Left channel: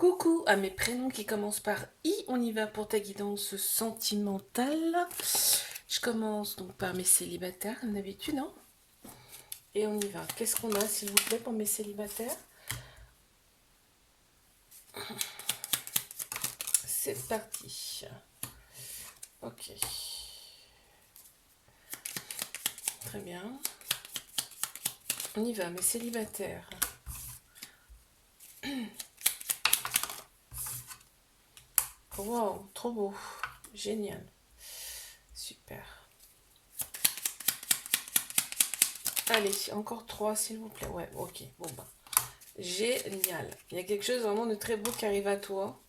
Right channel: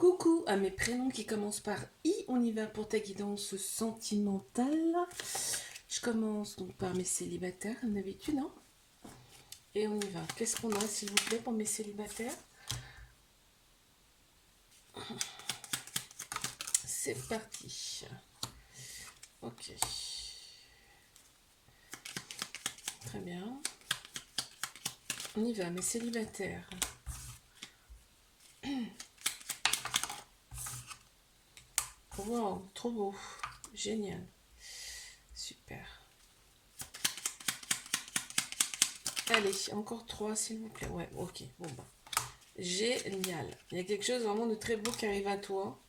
Coucou à mes prénoms qui commencent par I, on y va pour ta guidance sentimentale. Je commence donc par mes célibataires, comme d'habitude, hein. Et on y va. Qu'est-ce qu'on a, s'il vous plaît, pour mes célibataires? C'est parti. Ok. Très bien. On y va, mes célibataires. Wow, trop beau. Génial. Super. Allez, encore 3, s'il vous plaît. Ouais, ok. Bon, bah. Génial. Il y a quelque chose vraiment de très beau qui arrive à toi.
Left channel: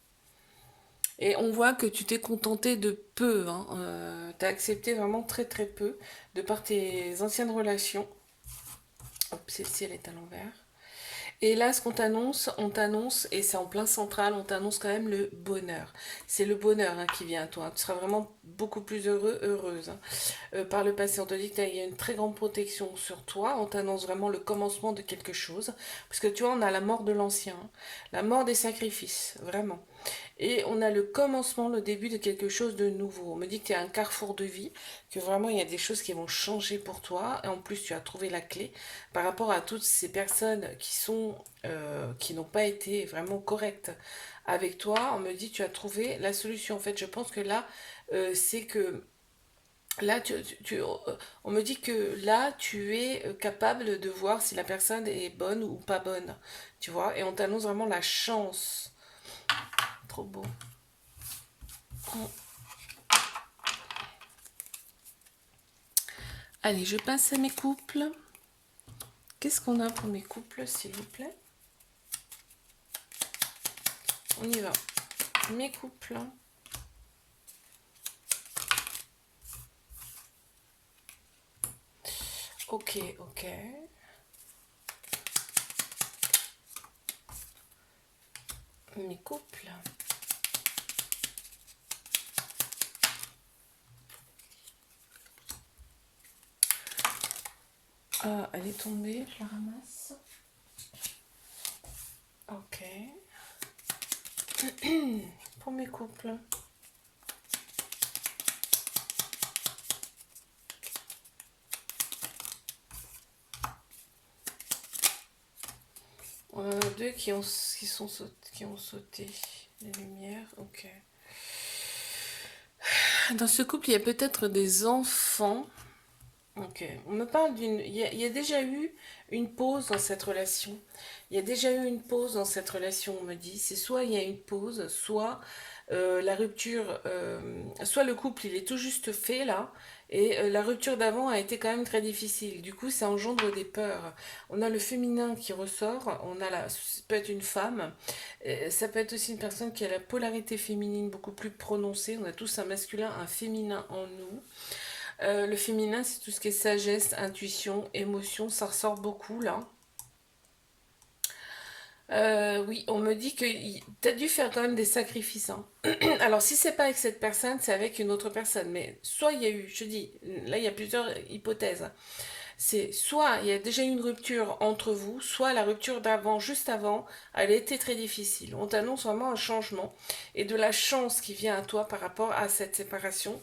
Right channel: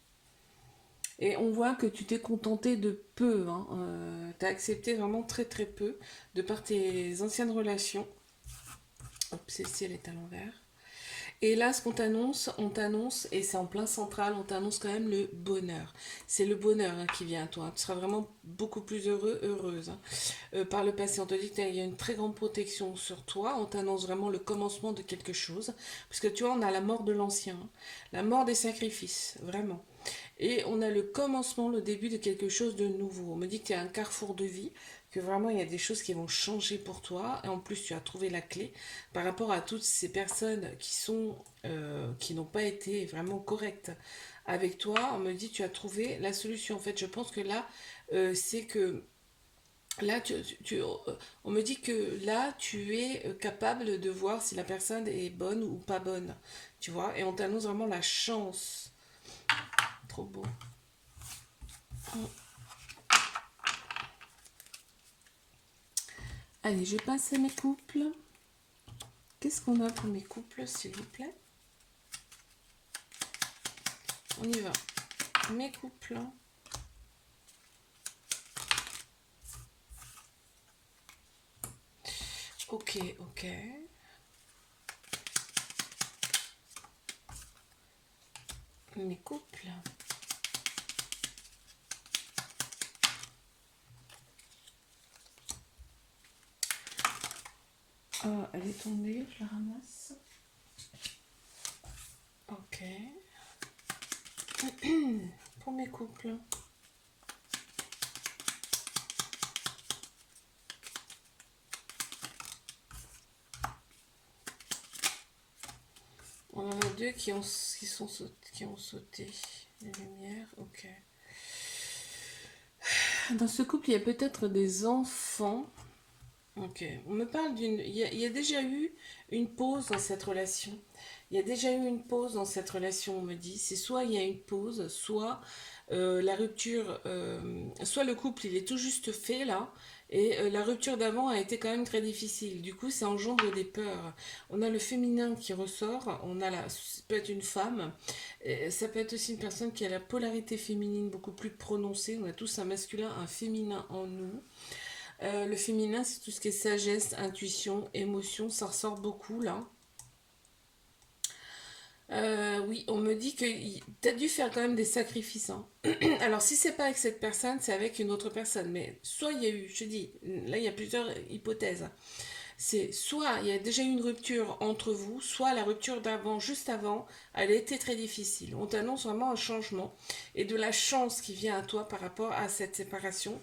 Et on voit que tu t'es contenté de peu. Hein. Tu as accepté vraiment très très peu de par tes anciennes relations. Hop, celle-ci, elle est à l'envers. Et là, ce qu'on t'annonce, on t'annonce, et c'est en plein central, on t'annonce quand même le bonheur. C'est le bonheur hein, qui vient à toi. Tu seras vraiment beaucoup plus heureux, heureuse. Hein. Par le passé, on te dit qu'il y a une très grande protection sur toi. On t'annonce vraiment le commencement de quelque chose. Parce que tu vois, on a la mort de l'ancien, hein. La mort des sacrifices, vraiment. Et on a le commencement, le début de quelque chose de nouveau. On me dit que tu es à un carrefour de vie, que vraiment il y a des choses qui vont changer pour toi. Et en plus, tu as trouvé la clé par rapport à toutes ces personnes qui n'ont pas été vraiment correctes avec toi. On me dit que tu as trouvé la solution. En fait, je pense que là, c'est que là, on me dit que là, tu es capable de voir si la personne est bonne ou pas bonne. Tu vois, et on t'annonce vraiment la chance. Trop beau. Allez, je passe à mes couples. Qu'est-ce qu'on a pour mes couples, s'il vous plaît? On y va. Mes couples. Ok, ok. Mes couples. Ah, elle est tombée, je la ramasse. Ok. Pour mes couples. Deux qui ont sauté. Les lumières, ok. Dans ce couple, il y a peut-être des enfants. Ok. On me parle d'une. Il y a déjà eu une pause dans cette relation. Il y a déjà eu une pause dans cette relation, on me dit. C'est soit il y a une pause, soit la rupture. Soit le couple, il est tout juste fait là. Et la rupture d'avant a été quand même très difficile. Du coup, ça engendre des peurs. On a le féminin qui ressort. Ça peut être une femme. Ça peut être aussi une personne qui a la polarité féminine beaucoup plus prononcée. On a tous un masculin, un féminin en nous. Le féminin, c'est tout ce qui est sagesse, intuition, émotion, ça ressort beaucoup là. Oui, on me dit que tu as dû faire quand même des sacrifices. Hein. Alors, si c'est pas avec cette personne, c'est avec une autre personne. Mais soit il y a eu, je dis, là il y a plusieurs hypothèses. C'est soit il y a déjà eu une rupture entre vous, soit la rupture d'avant, juste avant, elle a été très difficile. On t'annonce vraiment un changement et de la chance qui vient à toi par rapport à cette séparation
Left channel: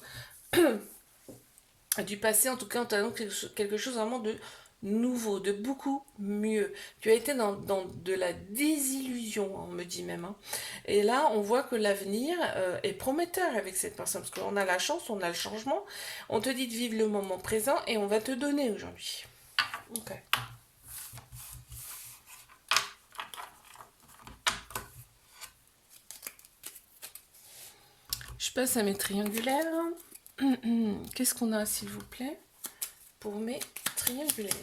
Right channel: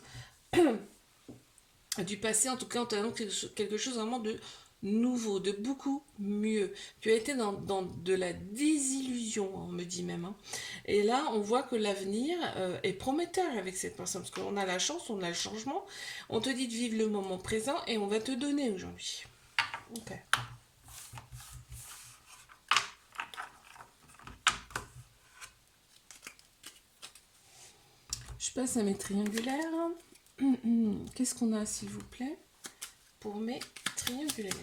du passé, en tout cas, en t'annonce quelque chose vraiment de nouveau, de beaucoup mieux. Tu as été dans de la désillusion, on me dit même. Hein. Et là, on voit que l'avenir est prometteur avec cette personne, parce qu'on a la chance, on a le changement. On te dit de vivre le moment présent et on va te donner aujourd'hui. Ok. Je passe à mes triangulaires. Qu'est-ce qu'on a, s'il vous plaît, pour mes triangulaires?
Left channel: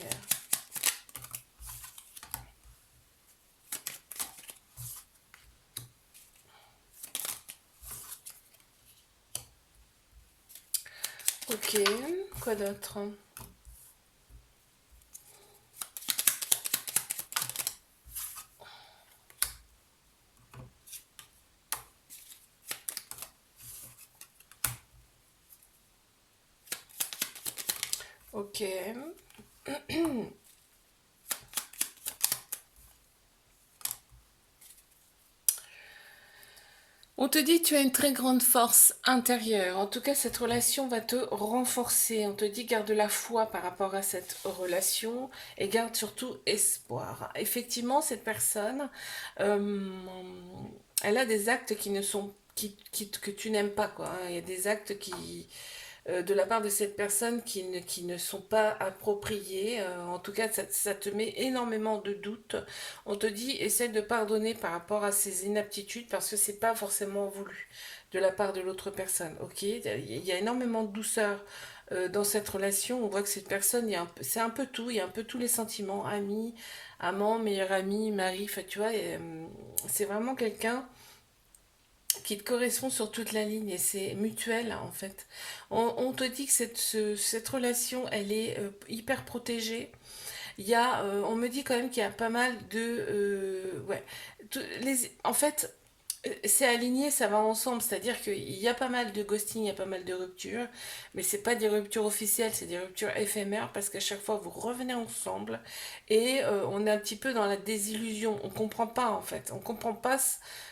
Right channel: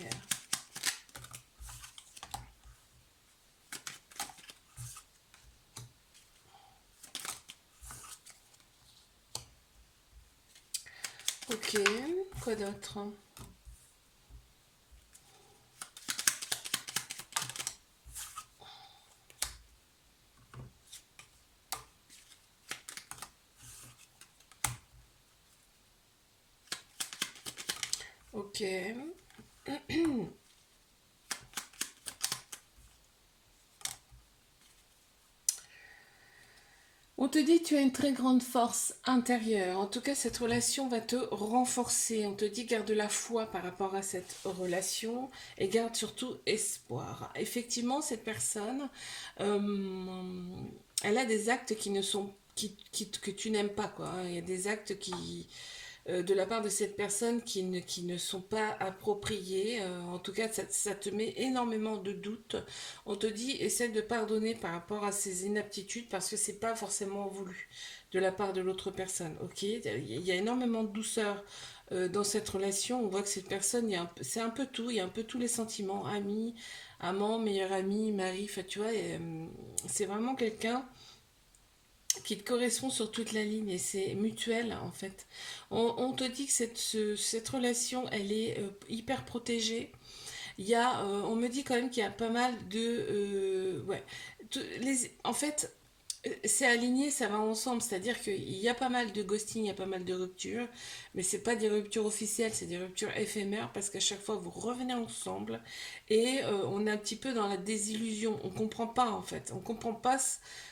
Ok, quoi d'autre? Ok. On te dit que tu as une très grande force intérieure. En tout cas, cette relation va te renforcer. On te dit garde la foi par rapport à cette relation et garde surtout espoir. Effectivement, cette personne, euh, elle a des actes qui ne sont que tu n'aimes pas, quoi, hein. Il y a des actes de la part de cette personne qui ne sont pas appropriés. En tout cas, ça te met énormément de doutes. On te dit, essaie de pardonner par rapport à ces inaptitudes parce que c'est pas forcément voulu de la part de l'autre personne. Ok, il y a énormément de douceur dans cette relation. On voit que cette personne, c'est un peu tout, il y a un peu tous les sentiments, ami, amant, meilleur ami, mari, enfin, tu vois, c'est vraiment quelqu'un qui te correspond sur toute la ligne et c'est mutuel en fait. On te dit que cette relation elle est hyper protégée. On me dit quand même qu'il y a pas mal de, ouais, en fait, c'est aligné, ça va ensemble, c'est-à-dire qu'il y a pas mal de ghosting, il y a pas mal de ruptures, mais c'est pas des ruptures officielles, c'est des ruptures éphémères parce qu'à chaque fois vous revenez ensemble et on est un petit peu dans la désillusion, on comprend pas en fait, on comprend pas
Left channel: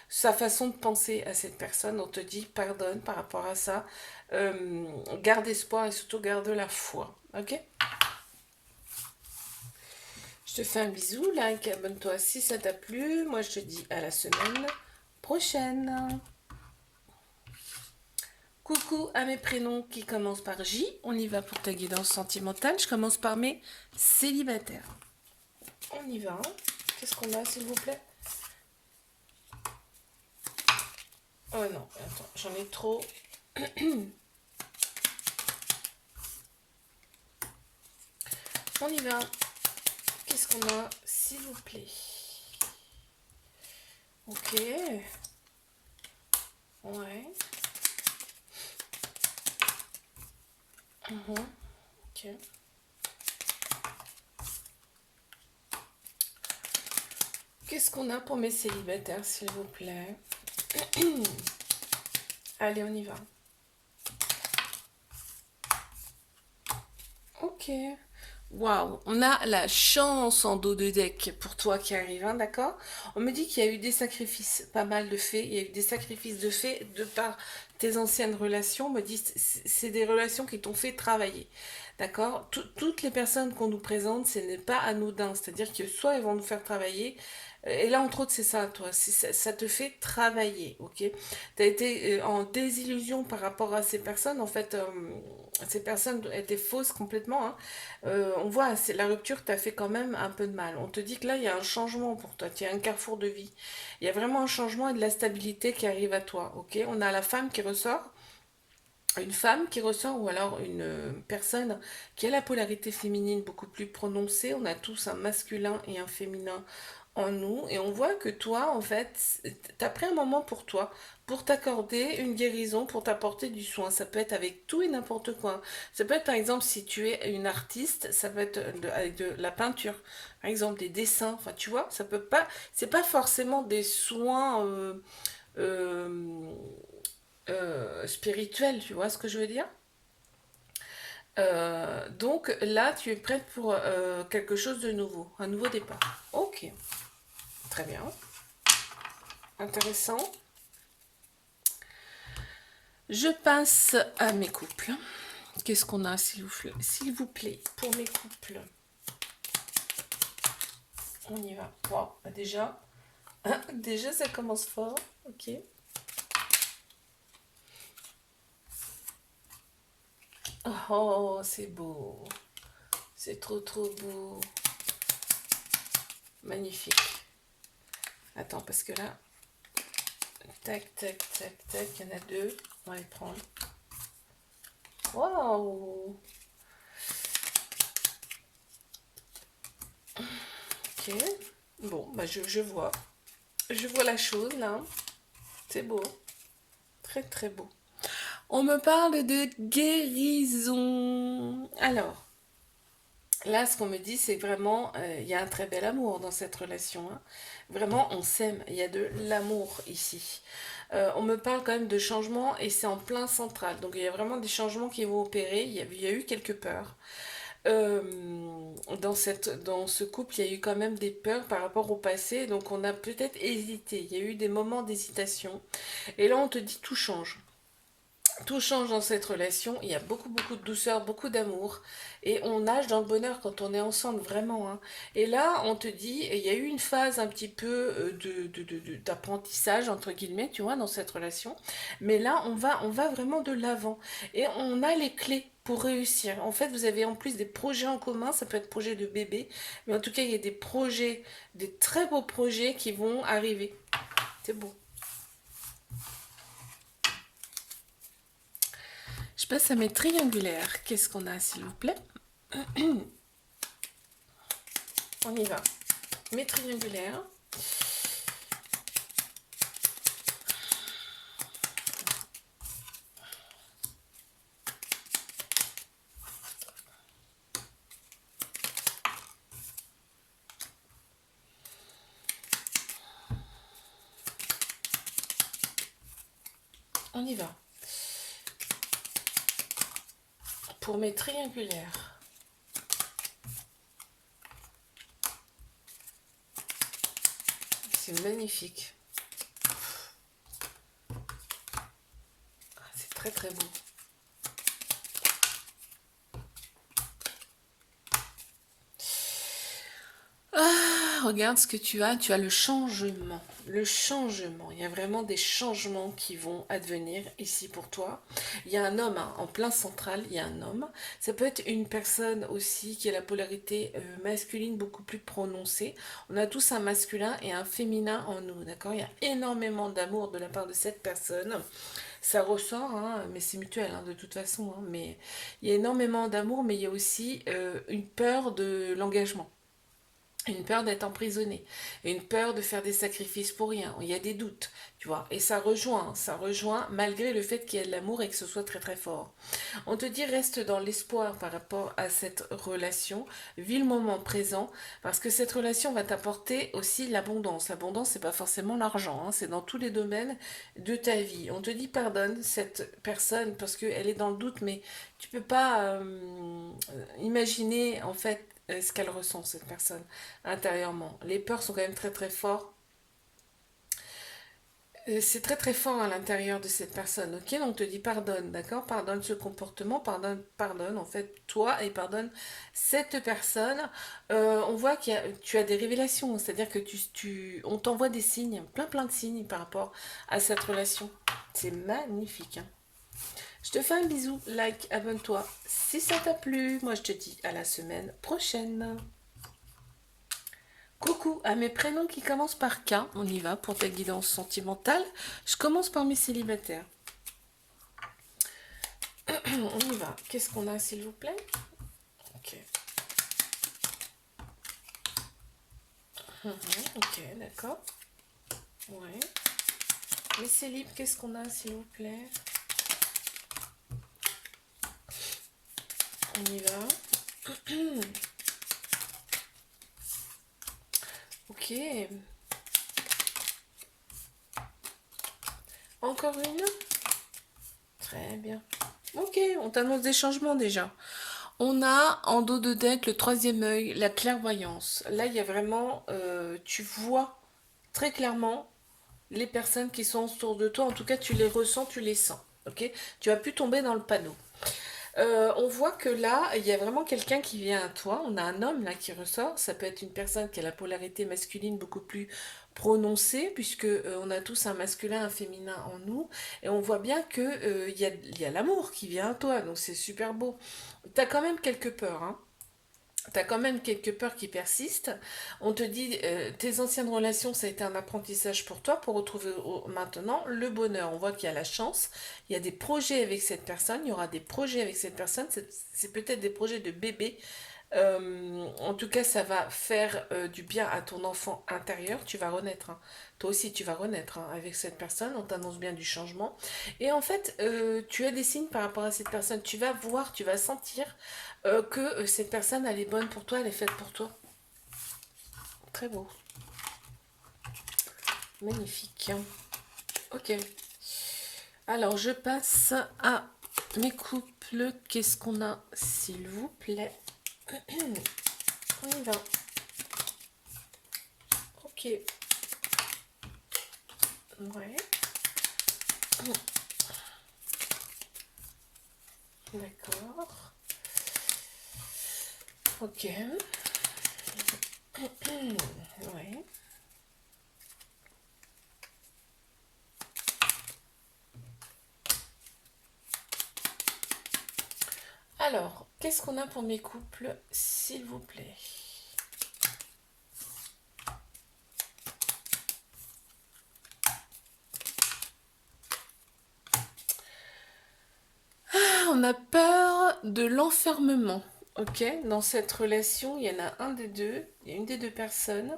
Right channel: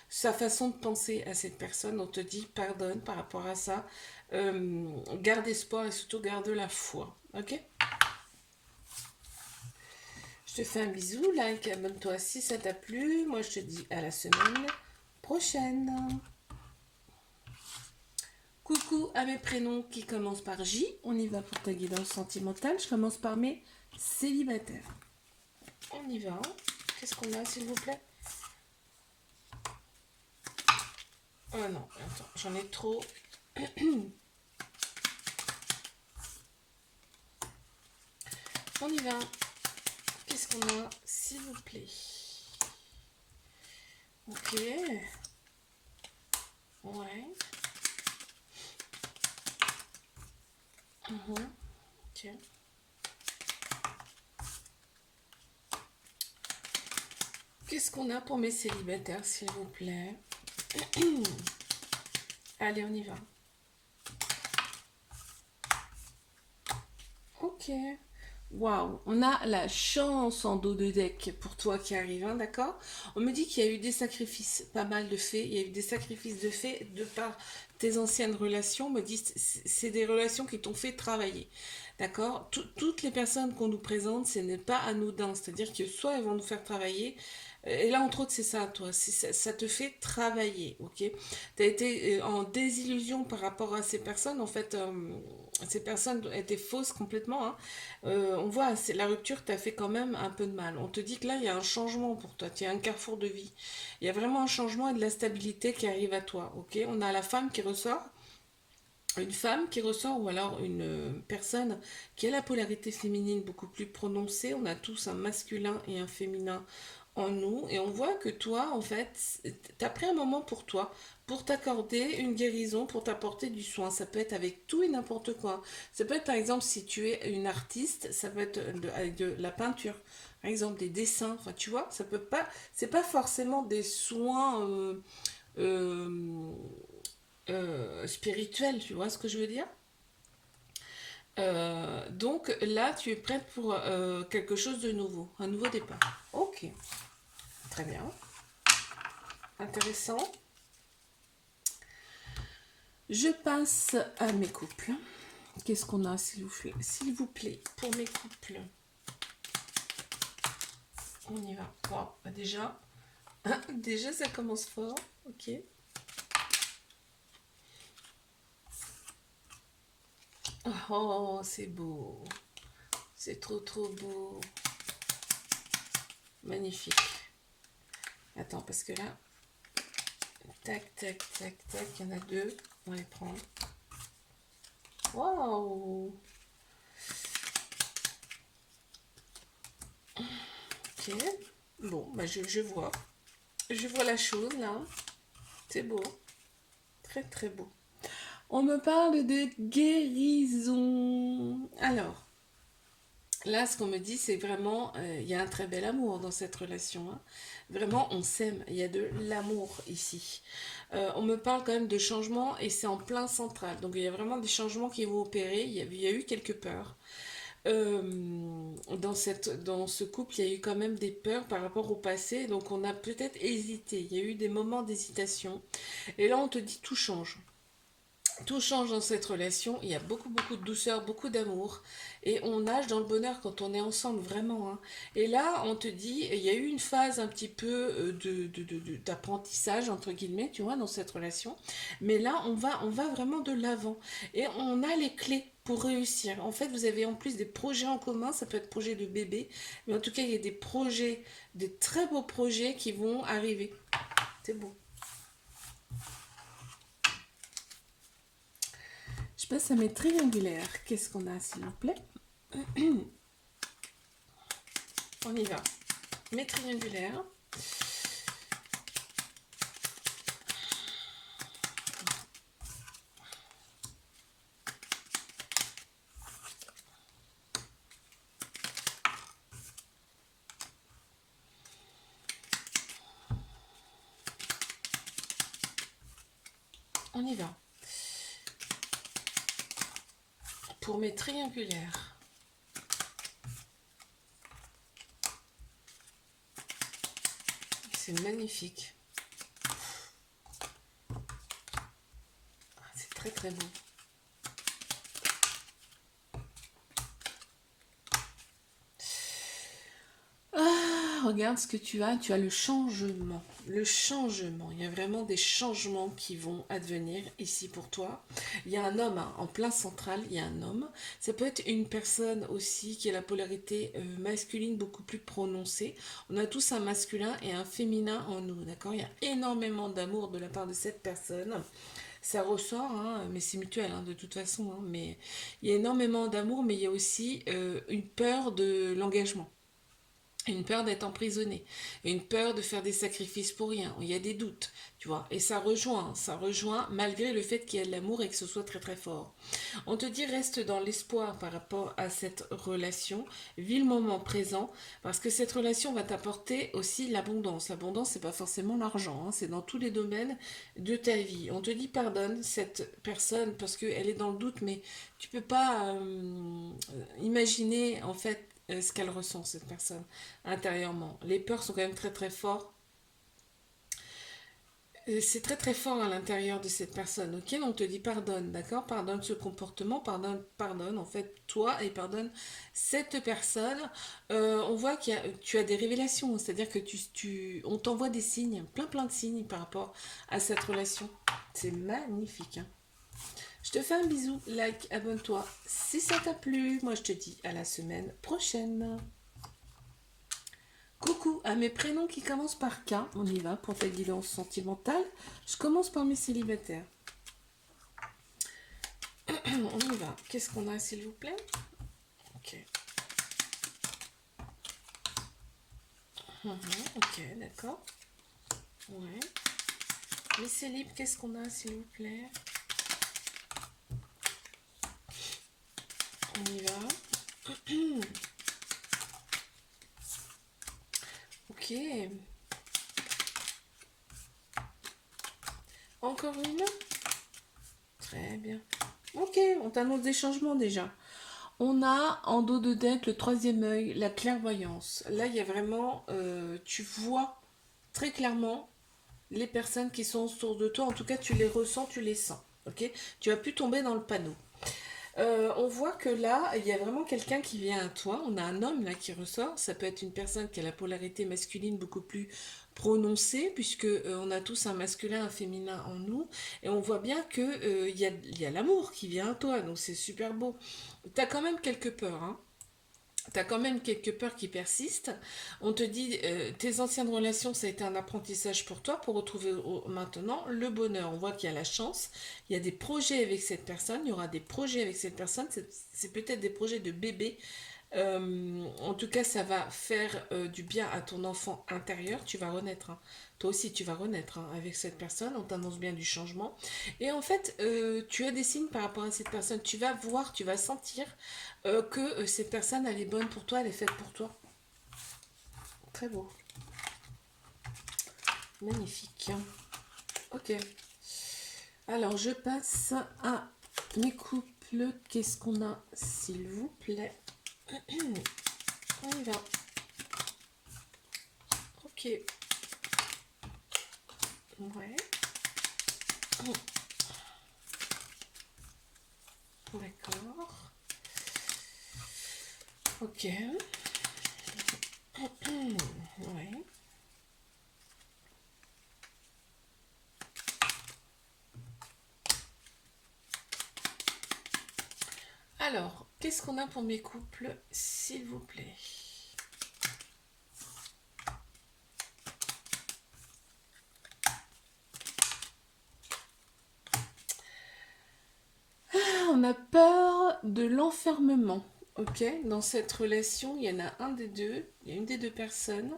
sa façon de penser à cette personne, on te dit pardonne par rapport à ça, garde espoir et surtout garde la foi, ok? Je te fais un bisou, like, abonne-toi si ça t'a plu. Moi, je te dis à la semaine prochaine. Coucou à mes prénoms qui commencent par J. On y va pour ta guidance sentimentale. Je commence par mes célibataires. On y va. Qu'est-ce qu'on a, s'il vous plaît? Oh non, attends, j'en ai trop. On y va. Qu'est-ce qu'on a, s'il vous plaît? Ok. Ouais. Ok. Qu'est-ce qu'on a pour mes célibataires, s'il vous plaît? Allez, on y va. Ok. Waouh, on a la chance en dos de deck pour toi qui arrive, hein, d'accord? On me dit qu'il y a eu des sacrifices, pas mal de faits, il y a eu des sacrifices de faits de par tes anciennes relations. On me dit c'est des relations qui t'ont fait travailler, d'accord? Toutes les personnes qu'on nous présente, ce n'est pas anodin, c'est-à-dire que soit ils vont nous faire travailler, et là entre autres c'est ça, toi, ça te fait travailler, ok? Tu as été en désillusion par rapport à ces personnes, en fait. Ces personnes étaient fausses complètement, hein. On voit, la rupture t'a fait quand même un peu de mal. On te dit que là, il y a un changement pour toi, il y a un carrefour de vie. Il y a vraiment un changement et de la stabilité qui arrive à toi, ok? On a la femme qui ressort, une femme qui ressort ou alors une personne qui a la polarité féminine beaucoup plus prononcée. On a tous un masculin et un féminin en nous et on voit que toi en fait t'as pris un moment pour toi pour t'accorder une guérison, pour t'apporter du soin. Ça peut être avec tout et n'importe quoi. Ça peut être par exemple si tu es une artiste, ça peut être avec de la peinture, par exemple des dessins, enfin tu vois, ça peut pas, c'est pas forcément des soins euh, spirituel, tu vois ce que je veux dire? Donc là, tu es prête pour quelque chose de nouveau, un nouveau départ. Ok, très bien, intéressant. Je passe à mes couples. Qu'est-ce qu'on a, s'il vous plaît, pour mes couples? On y va. Wow, bah déjà, ça commence fort. Ok. Oh, c'est beau. C'est trop, trop beau. Magnifique. Attends, parce que là, tac, tac, tac, tac, il y en a deux. On va les prendre. Waouh! Ok. Bon, bah je vois. Je vois la chose là. C'est beau. Très très beau. On me parle de guérison. Alors, là, ce qu'on me dit, c'est vraiment, il y a un très bel amour dans cette relation, hein. Vraiment, on s'aime. Il y a de l'amour ici. On me parle quand même de changements et c'est en plein central. Donc, il y a vraiment des changements qui vont opérer. Il y a eu quelques peurs. dans ce couple, il y a eu quand même des peurs par rapport au passé, donc on a peut-être hésité. Il y a eu des moments d'hésitation. Et là, on te dit tout change. Tout change dans cette relation, il y a beaucoup, beaucoup de douceur, beaucoup d'amour, et on nage dans le bonheur quand on est ensemble, vraiment, hein. Et là, on te dit, il y a eu une phase un petit peu d'apprentissage, entre guillemets, tu vois, dans cette relation, mais là, on va vraiment de l'avant, et on a les clés pour réussir. En fait, vous avez en plus des projets en commun, ça peut être projet de bébé, mais en tout cas, il y a des projets, des très beaux projets qui vont arriver. C'est beau. Je passe à mes triangulaires. Qu'est-ce qu'on a, s'il vous plaît? On y va. Mes triangulaires. On y va. Pour mes triangulaires. C'est magnifique. C'est très très beau. Regarde ce que tu as. Tu as le changement. Le changement. Il y a vraiment des changements qui vont advenir ici pour toi. Il y a un homme, hein, en plein central. Il y a un homme. Ça peut être une personne aussi qui a la polarité masculine beaucoup plus prononcée. On a tous un masculin et un féminin en nous. D'accord? Il y a énormément d'amour de la part de cette personne. Ça ressort, hein, mais c'est mutuel, hein, de toute façon. Hein, mais il y a énormément d'amour, mais il y a aussi une peur de l'engagement. Une peur d'être emprisonné, une peur de faire des sacrifices pour rien, il y a des doutes, tu vois, et ça rejoint malgré le fait qu'il y ait de l'amour et que ce soit très très fort. On te dit reste dans l'espoir par rapport à cette relation, vis le moment présent, parce que cette relation va t'apporter aussi l'abondance. L'abondance, c'est pas forcément l'argent, hein, c'est dans tous les domaines de ta vie. On te dit pardonne cette personne parce qu'elle est dans le doute, mais tu peux pas imaginer en fait ce qu'elle ressent, cette personne, intérieurement. Les peurs sont quand même très très fortes. C'est très très fort à l'intérieur de cette personne, ok? On te dit pardonne, d'accord? Pardonne ce comportement, pardonne en fait toi et pardonne cette personne. On voit tu as des révélations, c'est-à-dire que on t'envoie des signes, plein plein de signes par rapport à cette relation. C'est magnifique, hein. Je te fais un bisou, like, abonne-toi si ça t'a plu. Moi je te dis à la semaine prochaine. Coucou à mes prénoms qui commencent par K. On y va pour ta guidance sentimentale. Je commence par mes célibataires. On y va. Qu'est-ce qu'on a, s'il vous plaît? Ok. Ok, d'accord. Ouais. Les célibes, qu'est-ce qu'on a, s'il vous plaît? On y va. Ok. Encore une? Très bien. Ok, on t'annonce des changements déjà. On a en dos de deck le troisième œil, la clairvoyance. Là, il y a vraiment, tu vois très clairement les personnes qui sont autour de toi. En tout cas, tu les ressens, tu les sens. Ok? Tu as pu tomber dans le panneau. On voit que là, il y a vraiment quelqu'un qui vient à toi. On a un homme là qui ressort. Ça peut être une personne qui a la polarité masculine beaucoup plus prononcée, puisque on a tous un masculin, un féminin en nous, et on voit bien que il y a l'amour qui vient à toi. Donc c'est super beau. T'as quand même quelques peurs, hein. T'as quand même quelques peurs qui persistent. On te dit, tes anciennes relations, ça a été un apprentissage pour toi pour retrouver maintenant le bonheur. On voit qu'il y a la chance, il y a des projets avec cette personne, il y aura des projets avec cette personne, c'est peut-être des projets de bébé. En tout cas, ça va faire du bien à ton enfant intérieur. Tu vas renaître, hein. Toi aussi, tu vas renaître, hein, avec cette personne. On t'annonce bien du changement. Et en fait, tu as des signes par rapport à cette personne. Tu vas voir, tu vas sentir que cette personne, elle est bonne pour toi, elle est faite pour toi. Très beau. Magnifique. Ok. Alors, je passe à mes couples. Qu'est-ce qu'on a, s'il vous plaît? On y va. Ok. Ouais. D'accord. Ok. Ouais. Alors, qu'est-ce qu'on a pour mes couples, s'il vous plaît? On a peur de l'enfermement. Ok, dans cette relation, il y en a un des deux, il y a une des deux personnes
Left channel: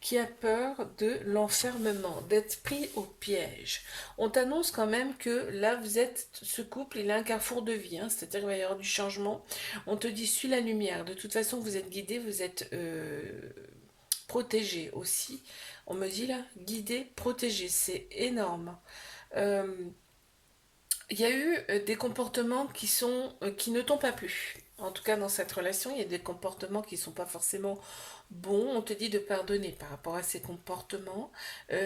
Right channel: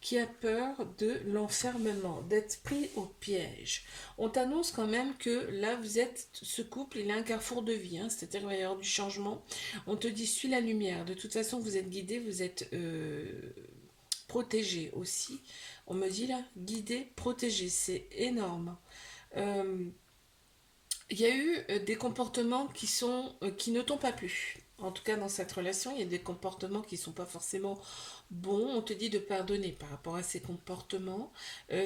qui a peur de l'enfermement, d'être pris au piège. On t'annonce quand même que là, vous êtes, ce couple, il est un carrefour de vie, hein, c'est-à-dire qu'il va y avoir du changement. On te dit, suis la lumière. De toute façon, vous êtes guidé, vous êtes protégé aussi. On me dit là, guidé, protégé, c'est énorme. Euh, il y a eu des comportements qui ne t'ont pas plu. En tout cas, dans cette relation, il y a des comportements qui ne sont pas forcément bons. On te dit de pardonner par rapport à ces comportements.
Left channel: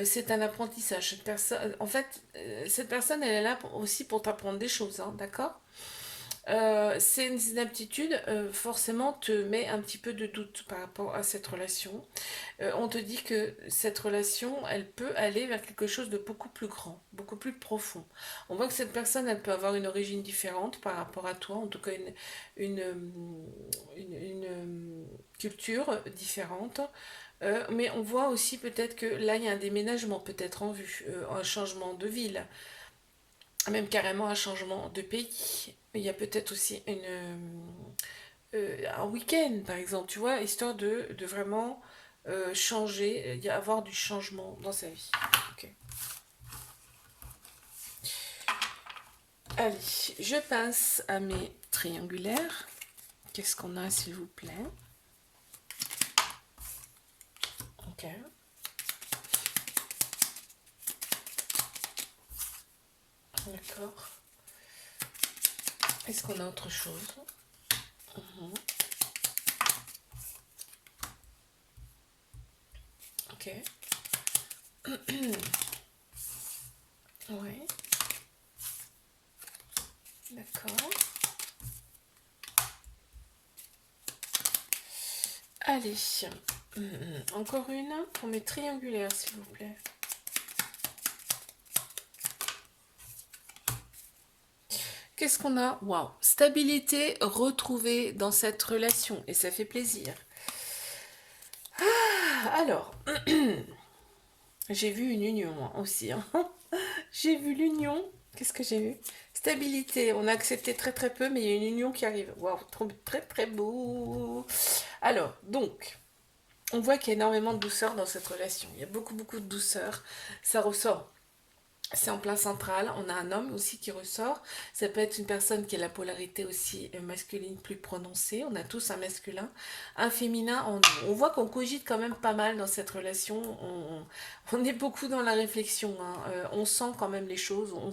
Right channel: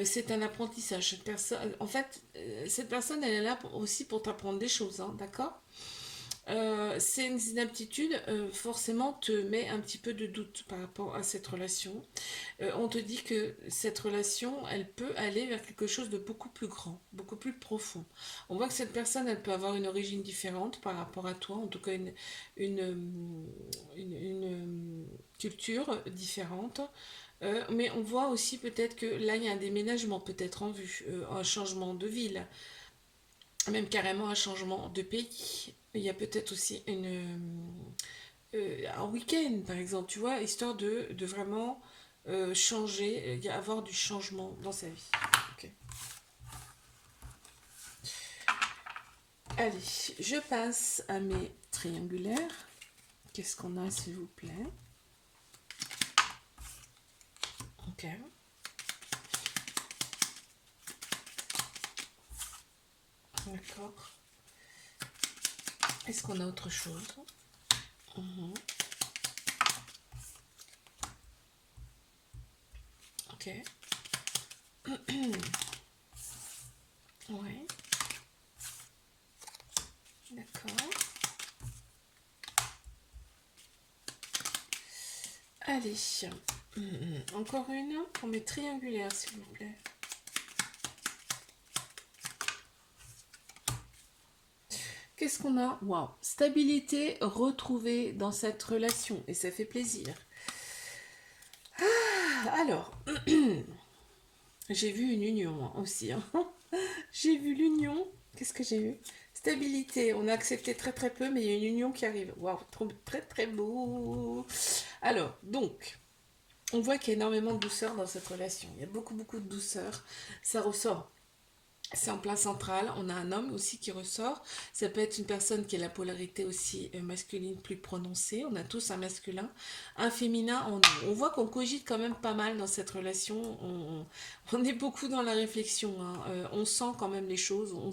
C'est un apprentissage. En fait, cette personne, elle est là aussi pour t'apprendre des choses, hein, d'accord? C'est une inaptitude, forcément, te met un petit peu de doute par rapport à cette relation. On te dit que cette relation, elle peut aller vers quelque chose de beaucoup plus grand, beaucoup plus profond. On voit que cette personne, elle peut avoir une origine différente par rapport à toi, en tout cas une culture différente. Mais on voit aussi peut-être que là, il y a un déménagement peut-être en vue, un changement de ville, même carrément un changement de pays. Il y a peut-être aussi un week-end, par exemple, tu vois, histoire de vraiment changer, avoir du changement dans sa vie. Ok. Allez, je passe à mes triangulaires. Qu'est-ce qu'on a, s'il vous plaît? Ok. D'accord. Est-ce qu'on a autre chose? Mhm. Ok. Ouais. D'accord. Allez. Encore une pour mes triangulaires, s'il vous plaît. Qu'est-ce qu'on a? Waouh! Stabilité retrouvée dans cette relation et ça fait plaisir. Alors, j'ai vu une union moi aussi, hein. J'ai vu l'union. Qu'est-ce que j'ai eu? Stabilité. On a accepté très très peu, mais il y a une union qui arrive. Waouh, très très beau. Alors, donc, on voit qu'il y a énormément de douceur dans cette relation. Il y a beaucoup beaucoup de douceur. Ça ressort. C'est en plein central. On a un homme aussi qui ressort. Ça peut être une personne qui a la polarité aussi masculine plus prononcée. On a tous un masculin, un féminin en nous. On voit qu'on cogite quand même pas mal dans cette relation. On est beaucoup dans la réflexion, hein. On sent quand même les choses. On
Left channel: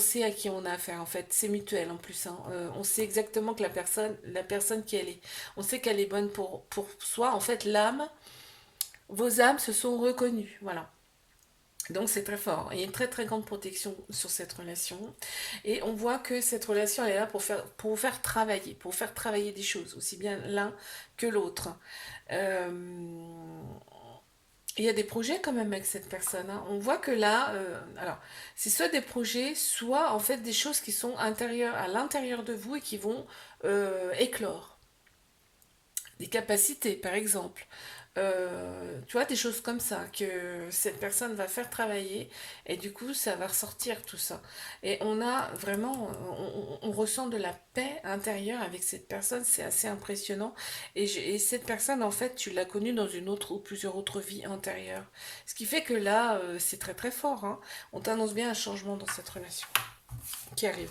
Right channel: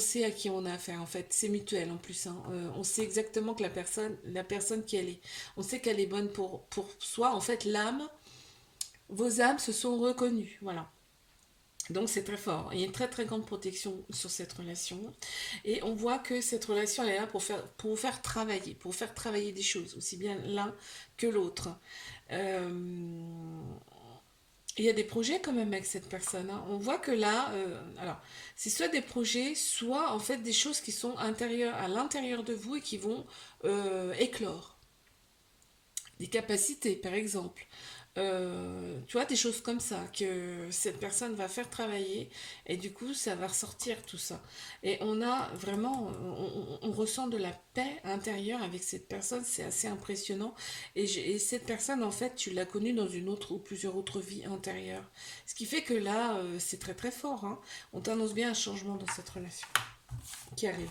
sait à qui on a affaire en fait. C'est mutuel en plus, hein. On sait exactement que la personne qui elle est. On sait qu'elle est bonne pour soi. En fait, vos âmes se sont reconnues. Voilà. Donc c'est très fort. Il y a une très très grande protection sur cette relation. Et on voit que cette relation, elle est là pour vous faire travailler des choses, aussi bien l'un que l'autre. Euh, il y a des projets quand même avec cette personne, hein. On voit que là, alors, c'est soit des projets, soit en fait des choses qui sont à l'intérieur de vous et qui vont éclore. Des capacités, par exemple. Tu vois, des choses comme ça que cette personne va faire travailler et du coup, ça va ressortir tout ça. Et on a vraiment, on ressent de la paix intérieure avec cette personne, c'est assez impressionnant. Et cette personne, en fait, tu l'as connue dans une autre ou plusieurs autres vies antérieures. Ce qui fait que là, c'est très très fort, hein. On t'annonce bien un changement dans cette relation qui arrive.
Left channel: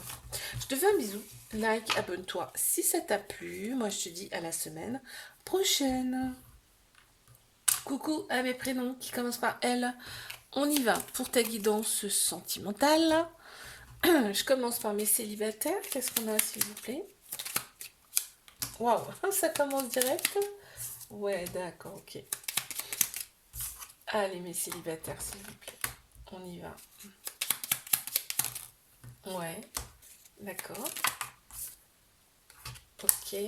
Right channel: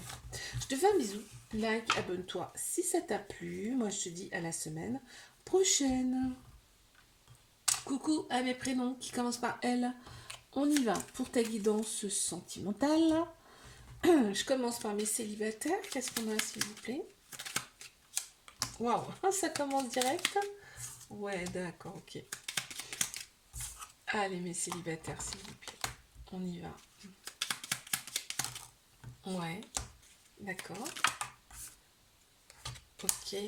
Je te fais un bisou, like, abonne-toi si ça t'a plu. Moi, je te dis à la semaine prochaine. Coucou à mes prénoms qui commencent par L. On y va pour ta guidance sentimentale. Je commence par mes célibataires. Qu'est-ce qu'on a, s'il vous plaît? Waouh, ça commence direct. Ouais, d'accord, ok. Allez, mes célibataires, s'il vous plaît. On y va. Ouais, d'accord. Ok.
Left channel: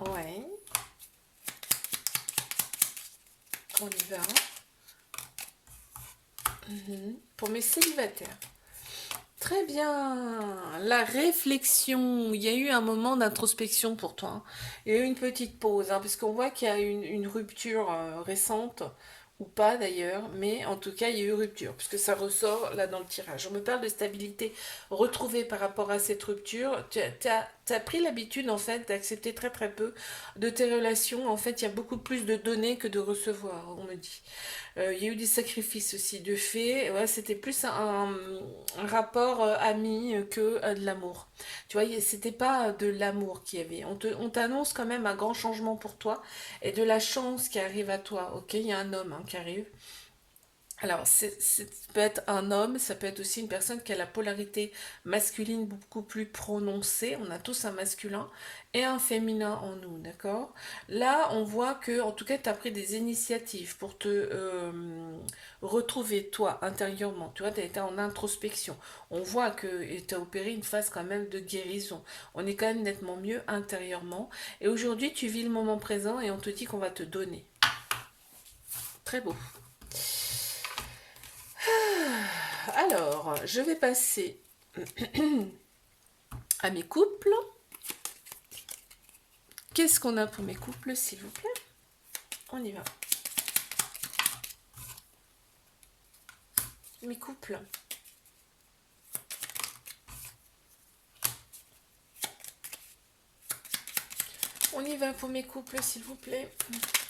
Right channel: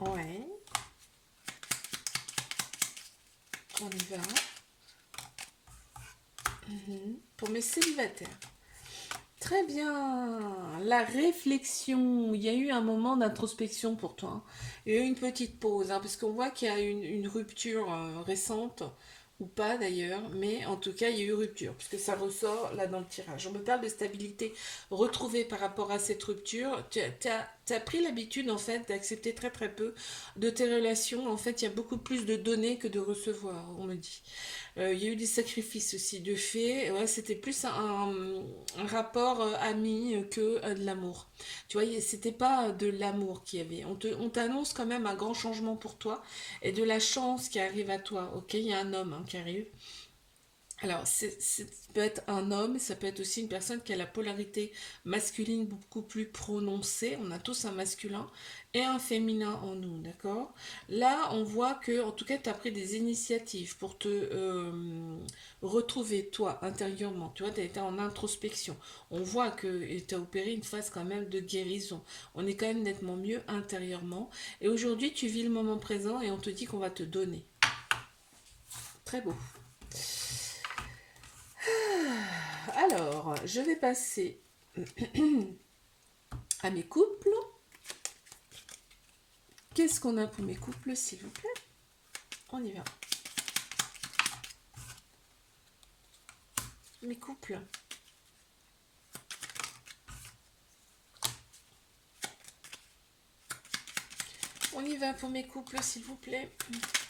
Ouais, on y va. Pour mes célibataires. Très bien. La réflexion. Il y a eu un moment d'introspection pour toi, hein. Il y a eu une petite pause, hein, parce qu'on voit qu'il y a une rupture récente, ou pas d'ailleurs, mais en tout cas, il y a eu rupture, puisque ça ressort là dans le tirage. On me parle de stabilité retrouvée par rapport à cette rupture. Tu as pris l'habitude, en fait, d'accepter très très peu de tes relations. En fait, il y a beaucoup plus de donner que de recevoir, on me dit. Il y a eu des sacrifices aussi de fait. Ouais, c'était plus un rapport ami que de l'amour. Tu vois, c'était pas de l'amour qu'il y avait. On t'annonce quand même un grand changement pour toi et de la chance qui arrive à toi. Ok, il y a un homme, hein, qui arrive. Alors, ça peut être un homme, ça peut être aussi une personne qui a la polarité masculine beaucoup plus prononcée. On a tous un masculin et un féminin en nous, d'accord? Là, on voit que, en tout cas, tu as pris des initiatives pour te retrouver, toi, intérieurement. Tu vois, tu as été en introspection. On voit que tu as opéré une phase quand même de guérison. On est quand même nettement mieux intérieurement. Et aujourd'hui, tu vis le moment présent et on te dit qu'on va te donner. Très beau. Alors, je vais passer à mes couples. Qu'est-ce qu'on a pour mes couples, s'il vous plaît? On y va. Mes couples. On y va pour mes couples, s'il vous plaît.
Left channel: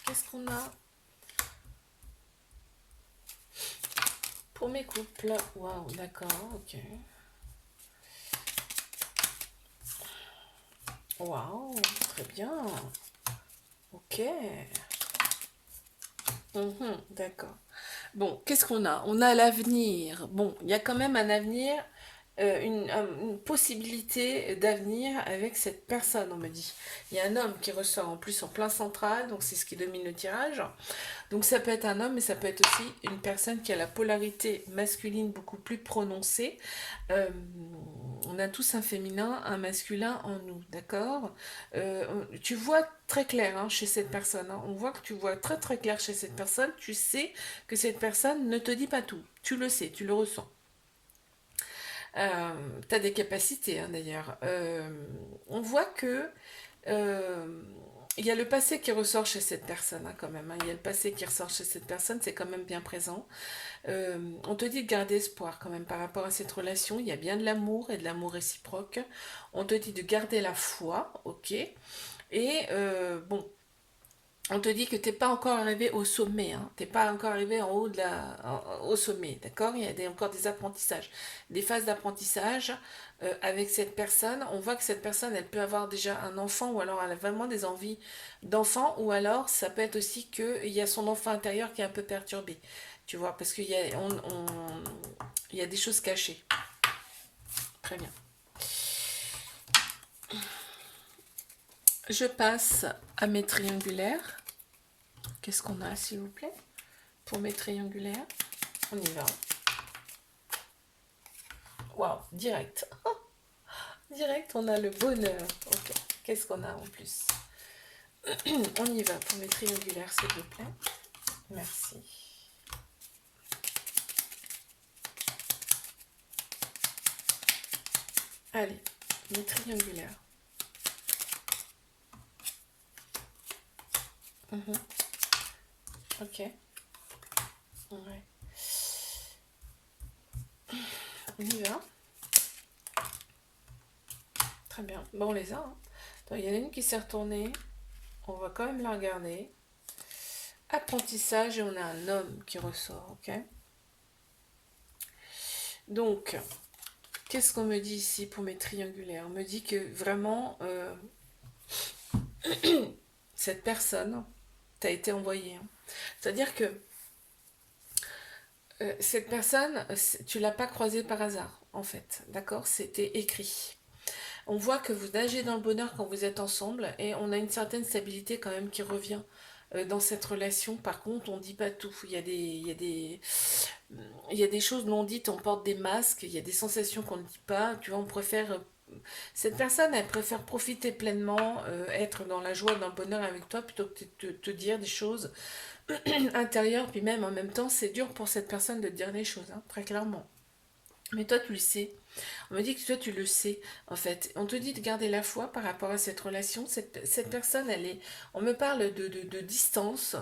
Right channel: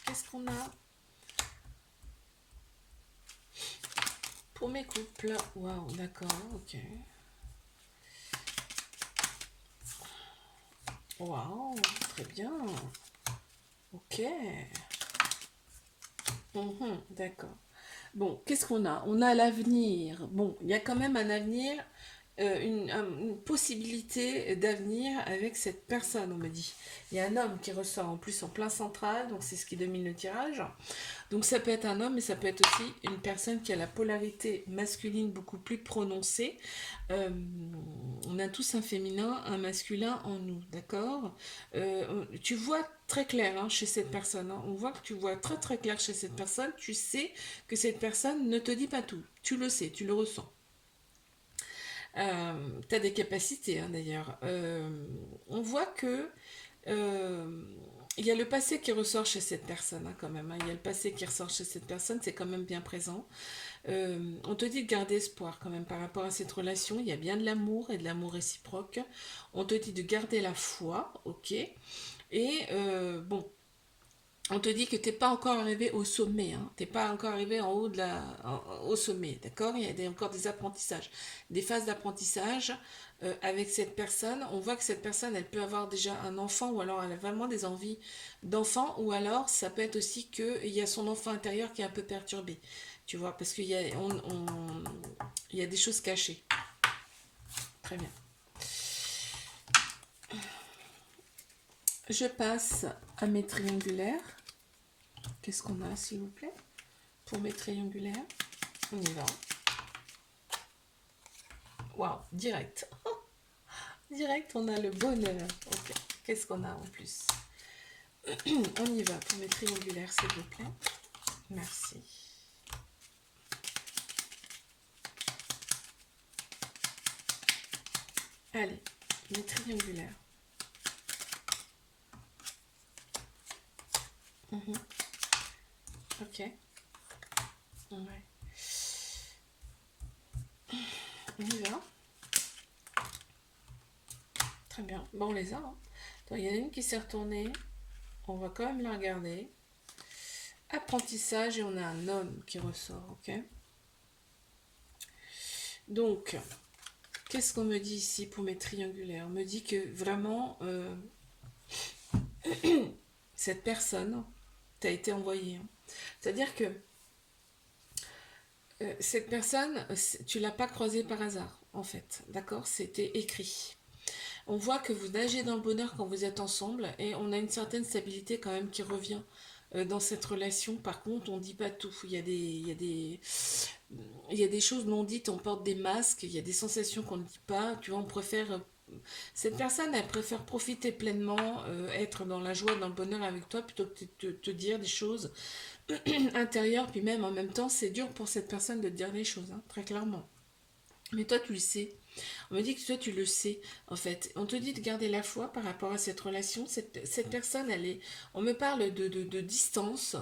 Qu'est-ce qu'on a pour mes couples? Waouh, d'accord, ok. Waouh, très bien. Ok. D'accord. Bon, qu'est-ce qu'on a? On a l'avenir. Bon, il y a quand même un avenir, une possibilité d'avenir avec cette personne, on me dit. Il y a un homme qui ressort en plus en plein central, donc c'est ce qui domine le tirage. Donc ça peut être un homme, mais ça peut être aussi une personne qui a la polarité masculine beaucoup plus prononcée. Euh, on a tous un féminin, un masculin en nous, d'accord? Tu vois très clair, hein, chez cette personne, hein. On voit que tu vois très très clair chez cette personne. Tu sais que cette personne ne te dit pas tout. Tu le sais, tu le ressens. Tu as des capacités, hein, d'ailleurs. On voit que euh, il y a le passé qui ressort chez cette personne, hein, quand même, hein. Il y a le passé qui ressort chez cette personne, c'est quand même bien présent. On te dit de garder espoir quand même par rapport à cette relation. Il y a bien de l'amour et de l'amour réciproque. On te dit de garder la foi, ok. Et bon, on te dit que t'es pas encore arrivé au sommet, hein. T'es pas encore arrivé en haut au sommet, d'accord? Il y a encore des apprentissages, des phases d'apprentissage avec cette personne. On voit que cette personne, elle peut avoir déjà un enfant ou alors elle a vraiment des envies d'enfant ou alors ça peut être aussi qu'il y a son enfant intérieur qui est un peu perturbé, tu vois, parce qu'il y a, il y a des choses cachées. Très bien. Je passe à mes triangulaires. Qu'est-ce qu'on a, s'il vous plaît, pour mes triangulaires? On y va. Waouh, direct. Direct, on a le bonheur. Ok, qu'est-ce qu'on a en plus? On y va pour mes triangulaires, s'il vous plaît. Merci. Allez, mes triangulaires. Ok. Ouais. On y va. Très bien. Bon, on les a, hein. Donc, il y en a une qui s'est retournée. On va quand même la regarder. Apprentissage et on a un homme qui ressort, ok? Donc, qu'est-ce qu'on me dit ici pour mes triangulaires? On me dit que vraiment, cette personne t'a été envoyée, hein. C'est-à-dire que cette personne, tu l'as pas croisée par hasard, en fait, d'accord? C'était écrit. On voit que vous nagez dans le bonheur quand vous êtes ensemble et on a une certaine stabilité quand même qui revient dans cette relation. Par contre, on dit pas tout. Il y a des choses non dites, on porte des masques, il y a des sensations qu'on ne dit pas. Tu vois, on préfère. Cette personne, elle préfère profiter pleinement, être dans la joie, dans le bonheur avec toi, plutôt que de te dire des choses intérieures. Puis même en même temps, c'est dur pour cette personne de te dire des choses, hein, très clairement. Mais toi, tu le sais. On me dit que toi, tu le sais, en fait. On te dit de garder la foi par rapport à cette relation. Cette personne, elle est... On me parle de distance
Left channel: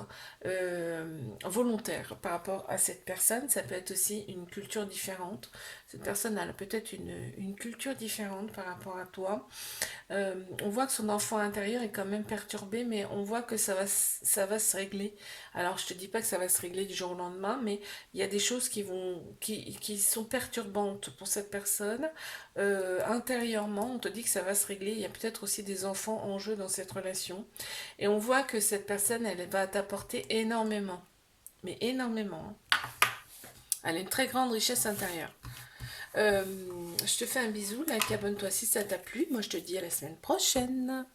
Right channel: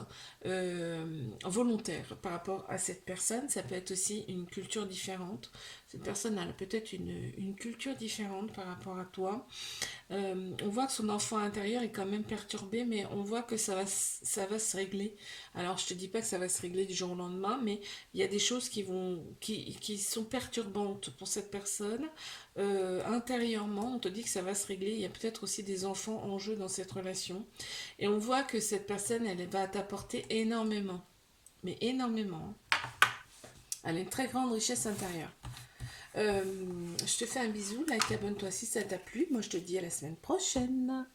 euh, volontaire par rapport à cette personne. Ça peut être aussi une culture différente. Cette personne a peut-être une culture différente par rapport à toi. On voit que son enfant intérieur est quand même perturbé, mais on voit que ça va se régler. Alors, je te dis pas que ça va se régler du jour au lendemain, mais il y a des choses qui sont perturbantes pour cette personne. Intérieurement, on te dit que ça va se régler. Il y a peut-être aussi des enfants en jeu dans cette relation. Et on voit que cette personne, elle va t'apporter énormément. Mais énormément, hein. Elle a une très grande richesse intérieure. Je te fais un bisou, like, abonne-toi si ça t'a plu. Moi, je te dis à la semaine prochaine.